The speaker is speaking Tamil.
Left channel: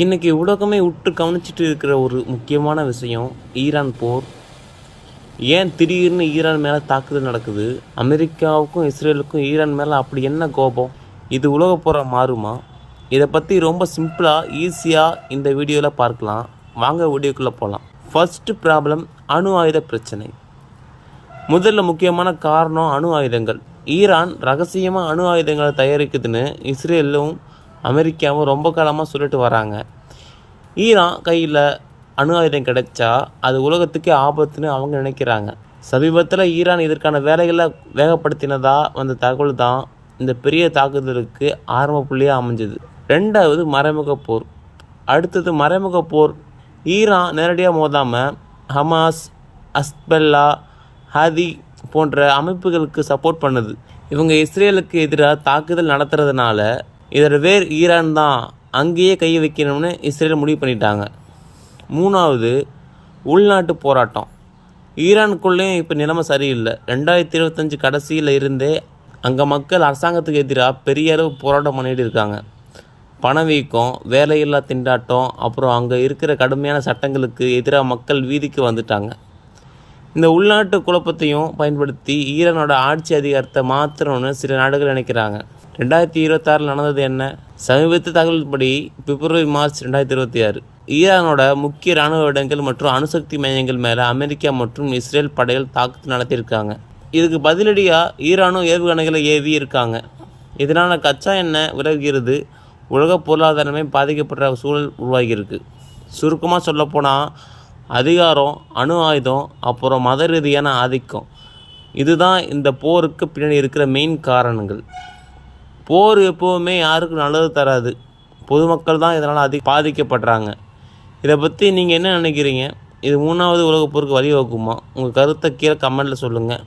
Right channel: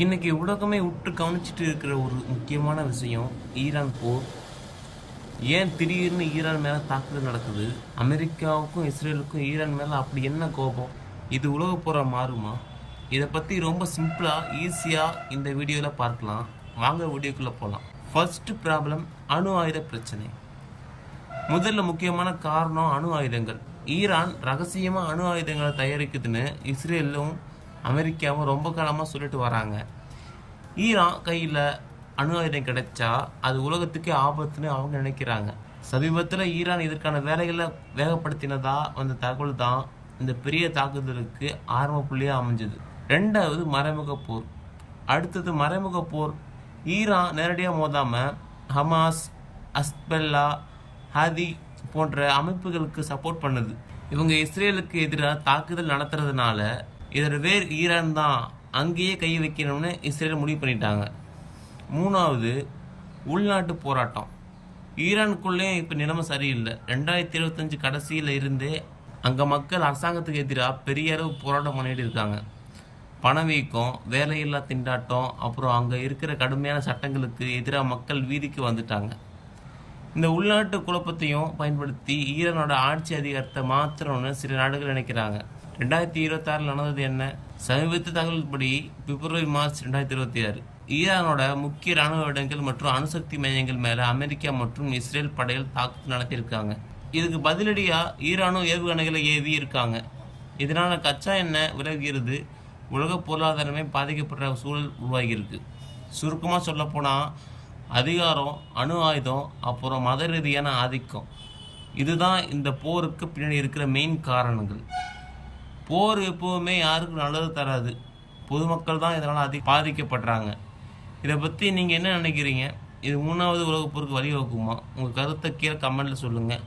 இன்னைக்கு உலகமே உற்று கவனிச்சிட்டு இருக்கிற ஒரு முக்கியமான விஷயம் ஈரான் போர். ஏன் திடீர்னு ஈரான் மேலே தாக்குதல் நடக்குது? அமெரிக்காவுக்கும் இஸ்ரேலுக்கும் ஈரான் மேலே அப்படி என்ன கோபம்? இது உலக போரை மாறுமா? இதை பற்றி ரொம்ப சிம்பிளாக ஈஸியாக இந்த வீடியோவில் பார்க்கலாம். வாங்க வீடியோக்குள்ளே போகலாம். ஃபர்ஸ்ட் ப்ராப்ளம், அணு ஆயுத பிரச்சனை. முதல்ல முக்கியமான காரணம் அணு ஆயுதங்கள். ஈரான் ரகசியமாக அணு ஆயுதங்களை தயாரிக்குதுன்னு இஸ்ரேலும் அமெரிக்காவும் ரொம்ப காலமாக சொல்லிட்டு வராங்க. ஈரான் கையில் அணு ஆயுதம் கிடைச்சா அது உலகத்துக்கே ஆபத்துன்னு அவங்க நினைக்கிறாங்க. சமீபத்தில் ஈரான் இதற்கான வேலைகளை வேகப்படுத்தினதா வந்த தகவல் தான் இந்த பெரிய தாக்குதலுக்கு ஆரம்ப புள்ளியாக அமைஞ்சது. ரெண்டாவது மறைமுக போர். அடுத்தது மறைமுக போர். ஈரான் நேரடியாக மோதாமல் ஹமாஸ், ஹஸ்பல்லா, ஹதி போன்ற அமைப்புகளுக்கு சப்போர்ட் பண்ணுது. இவங்க இஸ்ரேலுக்கு எதிராக தாக்குதல் நடத்துறதுனால இதோட வேர் ஈரான் தான், அங்கேயே கை வைக்கணும்னு இஸ்ரேல் முடிவு பண்ணிட்டாங்க. மூணாவது உள்நாட்டு போராட்டம். ஈரானுக்குள்ளேயும் இப்போ நிலைமை சரியில்லை. 2025 கடைசியில் இருந்தே அங்கே மக்கள் அரசாங்கத்துக்கு எதிராக பெரிய அளவு போராட்டம் பண்ணிட்டு இருக்காங்க. பணவீக்கம், வேலையில்லா திண்டாட்டம், அப்புறம் அங்கே இருக்கிற கடுமையான சட்டங்களுக்கு எதிராக மக்கள் வீதிக்கு வந்துட்டாங்க. இந்த உள்நாட்டு குழப்பத்தையும் பயன்படுத்தி ஈரானோட ஆட்சி அதிகாரத்தை மாற்றணும்னு சில நாடுகள் நினைக்கிறாங்க. 2026 நடந்தது என்ன? சமீபத்திய தகவல்படி பிப்ரவரி மார்ச் 2026 ஈரானோட முக்கிய இராணுவ இடங்கள் மற்றும் அணுசக்தி மையங்கள் மேலே அமெரிக்கா மற்றும் இஸ்ரேல் படைகள் தாக்குதல் நடத்தியிருக்காங்க. இதுக்கு பதிலடியாக ஈரானும் ஏவுகணைகளை ஏவி இருக்காங்க. இதனால் கச்சா எண்ணெய் விலகுகிறது. உலக பொருளாதாரமே பாதிக்கப்படுற சூழல் உருவாகியிருக்கு. சுருக்கமாக சொல்லப்போனால் அதிகாரம், அணு ஆயுதம், அப்புறம் மத ரீதியான ஆதிக்கம், இதுதான் இந்த போருக்கு பின்னாடி இருக்கிற மெயின் காரணங்கள். போர் எப்போவுமே யாருக்கும் நல்லது தராது. பொதுமக்கள் தான் இதனால் பாதிக்கப்படுறாங்க. இதை பற்றி நீங்கள் என்ன நினைக்கிறீங்க? இது 3வது உலகப் போருக்கு வழிவகுக்குமா? உங்கள் கருத்தை கீழே கமெண்ட்டில் சொல்லுங்கள்.